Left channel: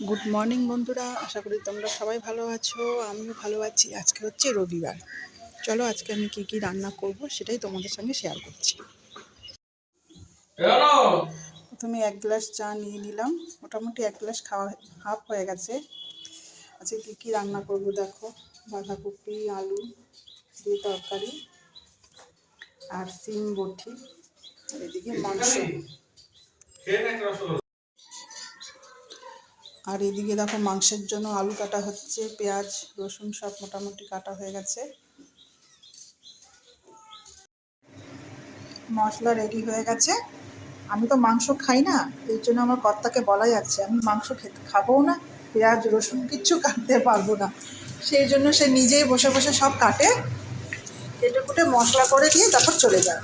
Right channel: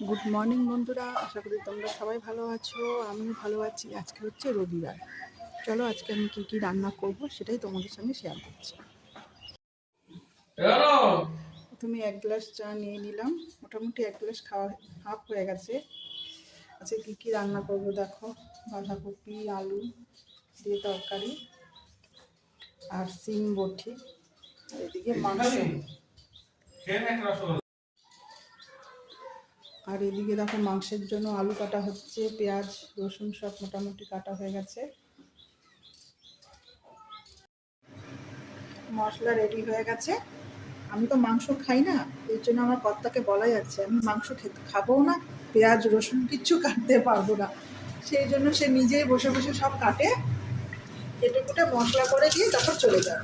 Good morning বন্ধুরা আশা করি তোমরা সবাই ভালো আছো আমিও ভালো আছি আজকে হচ্ছে রবিবার চলো আজকে আমি কি কি রান্না করব সেটাই তোমাদের সঙ্গে শেয়ার করছি প্রথমে এক গ্লাস চা নিয়ে নিলাম মোটামুটি এক গ্লাস খাওয়া হাফ হয়ে গেছে আজকে কি কি রান্না করব দেখো বাঁধাকপি আলু দিয়ে তরকারি আর সিম বটি এদিকে মাংস আর এদিকে দেখো মাংসের জন্য আলু কাটা হচ্ছে, পেঁয়াজ, রসুন সব মোটামুটি কাটা হয়ে গেছে। মশলা রেডি হয়ে গেছে। আমি তো মাংস খাই না এই জন্য আমার কর্তাকে বলা যাচ্ছে, আমি মাংস খেতে খাবও না, পেঁয়াজ, রসুন কিচ্ছু কাটতে পারব না। সেই জন্য সে নিজেই বসে বসে সব কাটে, কেটে কুটে মশলা করে দিয়ে তারপর চলে যায়।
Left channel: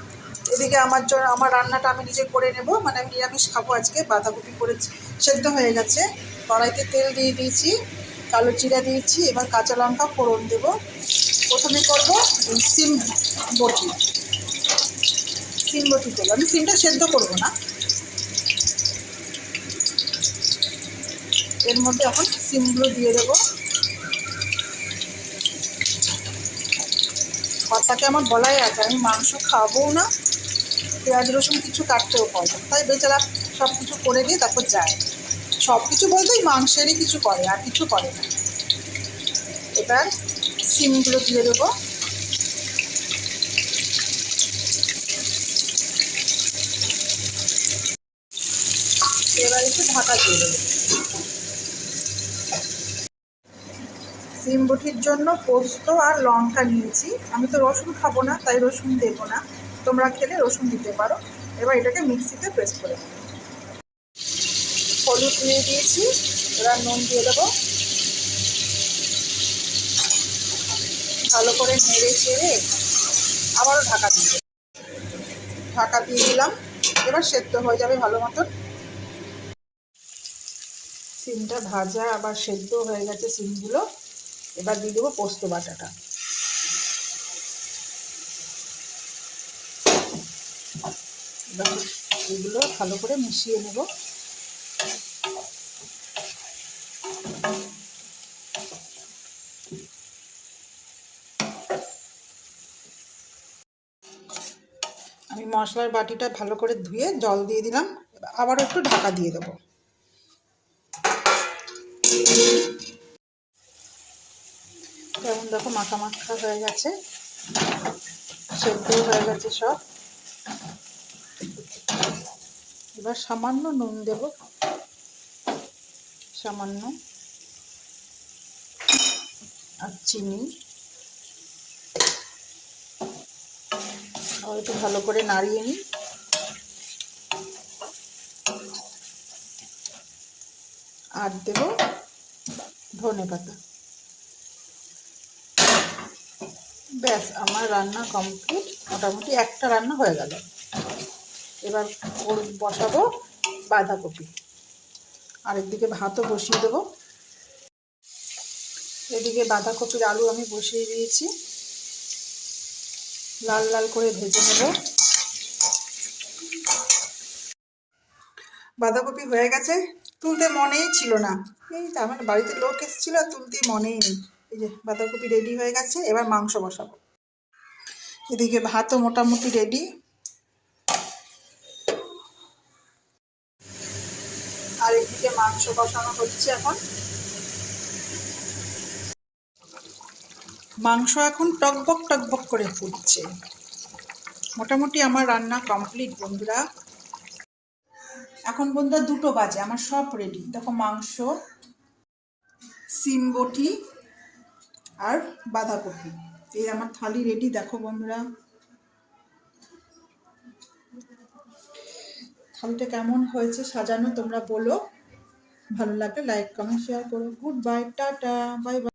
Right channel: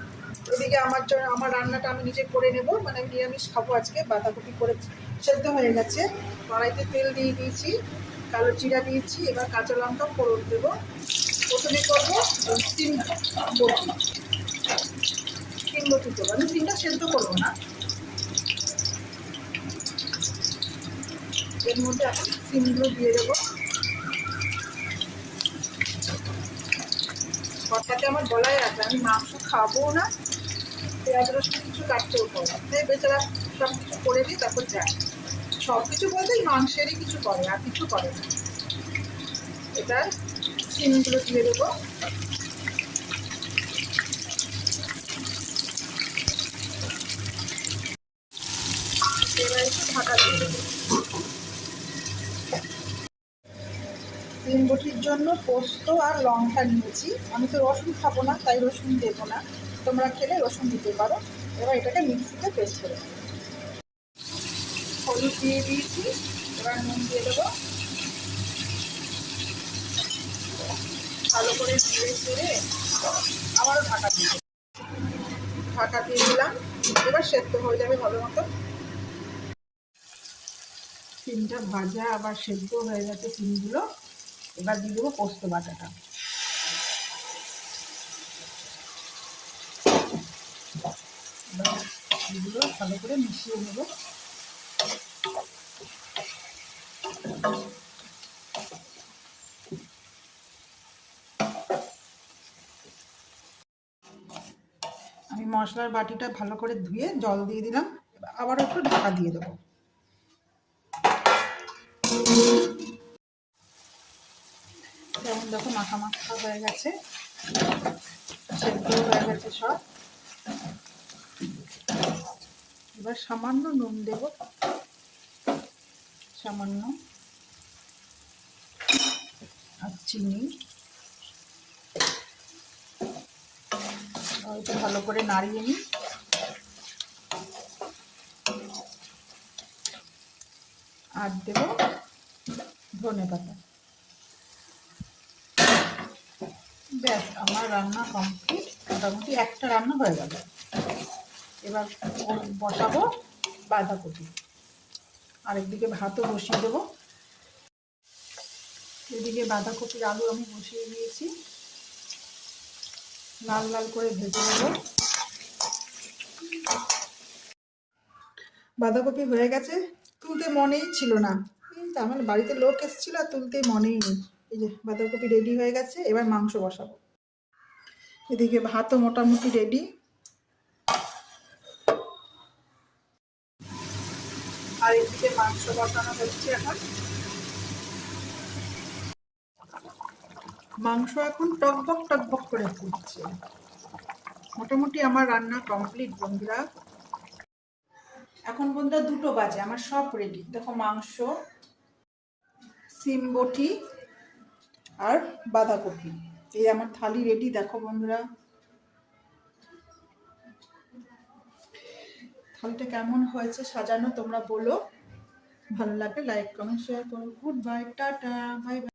এদিকে আমার জন্য আমার রান্নাটা আমি নিজে করে নেব। মানে আমি নিরামিষ খাব আজকে, বাঁধাকপি করে সেদ্ধ হয়ে গেছে। কড়াইতে তেল দিয়ে দিয়েছি, কালো জিরা দিয়েছি, এবার কাঁচা লঙ্কা ফোড়ন দেব। প্রথমে করব সিম বটি। সিম বটি করব আমি সিমটা সেদ্ধ করব না। এর মধ্যে এখন সিমগুলো দিয়ে দেবো। কর্তাকে আমার বলাই আছে, আমি মাংস খাব না। পেঁয়াজ, রসুন কিছু কাটতেও না। তাই বেচারা সব কিছু করে দিয়ে তারপর যায়। সব কিছু বলতেই মাংসেরই কিছু করে, আর কিছু করে না। এবার সিমগুলো দিয়ে দেবো। এবার একটু ঢাকা দিয়ে দেবো। সিম বটির জন্য পোস্ত আর লঙ্কা নিয়েছি। আমি তো রসুন খাব না, তাই রসুন দেবো না। তোমরা খেলে রসুন দিতে পারো। এবার এটাকে মিক্সিতে প্রেস করে নেব হলুদ দিয়ে দিয়েছি, এবার নুন দিয়ে দেবো। ভালো করে নেড়ে চেড়ে আবারও ঢাকা দিয়ে ঢাকা দিয়ে দিলাম, এবার সেদ্ধ হয়ে যাবে ভালো মতন সিমটা ভাজা, আবার সেদ্ধ হয়ে গেছে সিমগুলো। এবার দিয়ে দেবো পোস্ত বাটাটা। এগুলো ভালো করে মিশিয়ে নেব। আমি মশলার বাটিটা ভালো করে ধুয়ে জল দিয়ে দিলাম। আবারও একটু ঢাকা দিয়ে দেবো। যেমন দেখো মাখা মাখা হয়ে গেছে। সেদ্ধ হয়ে গেছে সব। এবার সামান্য নুন দেব। সামান্য। আর চিনি। একটু ভালো করে নাড়িয়ে নিই। আর দেব ধনে পাতা। ব্যাস, আমার রান্না কমপ্লিট। মোটামুটি একটা রান্না হয়ে গেল। এবার ওর বসাবো বাঁধাকপি। আরেকদিকে ভাতও বসিয়ে দেবো। এদিকে বাঁধাকপির আলু আমি বসিয়ে দিয়েছি। লাল লাল করে ভেজে নেব। বাঁধাকপি হয়ে গেছে। তুলতে মনেই ছিল না। এই তো আমার বাড়িতে লোক এসেছিল আর তুলতে মনেই নেই। এই যে বাঁধাকপি রেডি হয়ে গেছে, এবার মাংস বসাবো। এদিকে ভাতও মোটামুটি রেডি আর এদিকে মাংস বসানো হচ্ছে এখন। মাংস এখন টকবক টকবক করে ফুটছে। মোটামুটি আমার রান্না কমপ্লিট, বন্ধুরা। এখন বন্ধুরা দুটো বাজে, আমার সব রেডি দেখো মাংস, সিম বটি আর বাঁধাকপি। এই আমার থালি রেডি দেখো বন্ধুরা। থালিটা কেমন হয়েছে সাজানো তোমরা বলো। ভালো লাগলে লাইক কমেন্ট শেয়ার করো। Good bye tata bye bye